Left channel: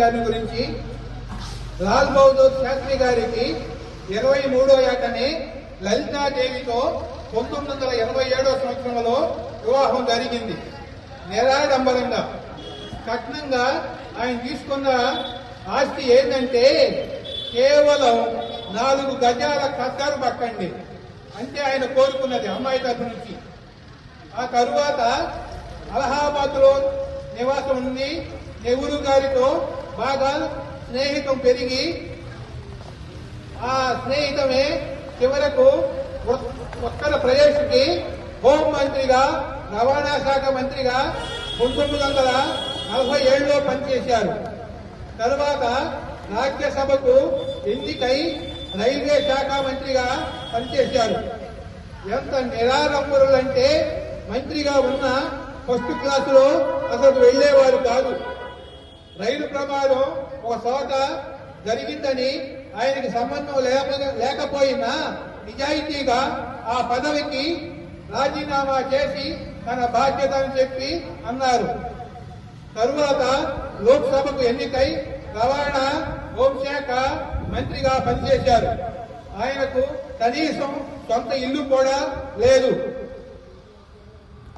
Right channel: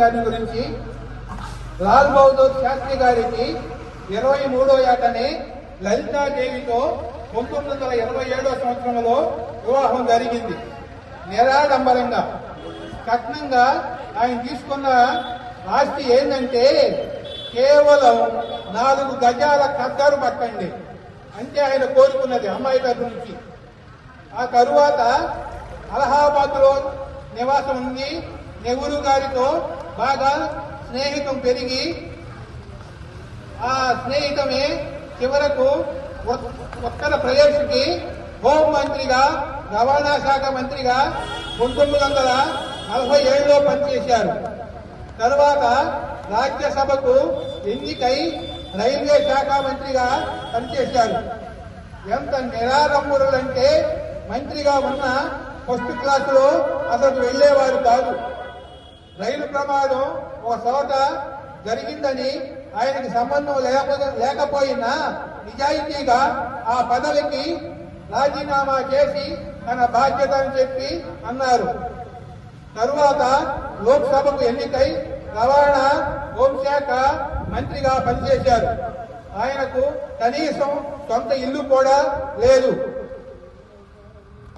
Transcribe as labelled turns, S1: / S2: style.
S1: గారి గురించి లాల్ బహదూర్ శాస్త్రి గారికి ఇరవై మూడో ఏటనే లలితాదేవితో పంతొమ్మిది వందల ఇరవై ఏడో సంవత్సరంలో వివాహం జరిగింది. నిరాడంబరంగా కఠినంగా ఆయన తీసుకున్న ఆస్తి ఏంటంటే కేవలం నాలుగు గజాల కత్తరు పట్టండి అంటే ఆయన కోరుకున్నది అమ్మాయి దగ్గర నుంచి. ఆ తరువాత అలహాబాద్లో నివాసం ఉంది నెహ్రూ గారితో బాగా స్నేహితం పెరిగి ఆ స్నేహితమే చివరకు ఉత్తర ప్రదేశ్కి హోం మంత్రిగా రవాణా శాఖ మంత్రిగా పంతొమ్మిది వందల నలభై ఏడులో పనిచేశారు. తరువాత రాజ్యసభకు ఎన్నికై రైల్వే శాఖ మంత్రిగా పనిచేశారు. ఎంత నిరారంభులంటే మంత్రిగా ఉన్న ఫస్ట్ క్లాసులో అసలు వెళ్ళేవారు కాదు. రైలు ప్రమాదం ఒక చోట జరిగిందని ఆయనకి సంబంధం లేక లేకపోయినా నిజాయితీగా ఆ పదవికి రాజీనామా చేసి తన బాధ్యత అని చెప్పి అన్నారు. తరువాత లోక్సభకు ఎన్నికై రవాణా హోంశాఖ మంత్రిగా పనిచేశారు. ఆయనకు కనీసం సొంత ఇల్లు కూడా లేదు.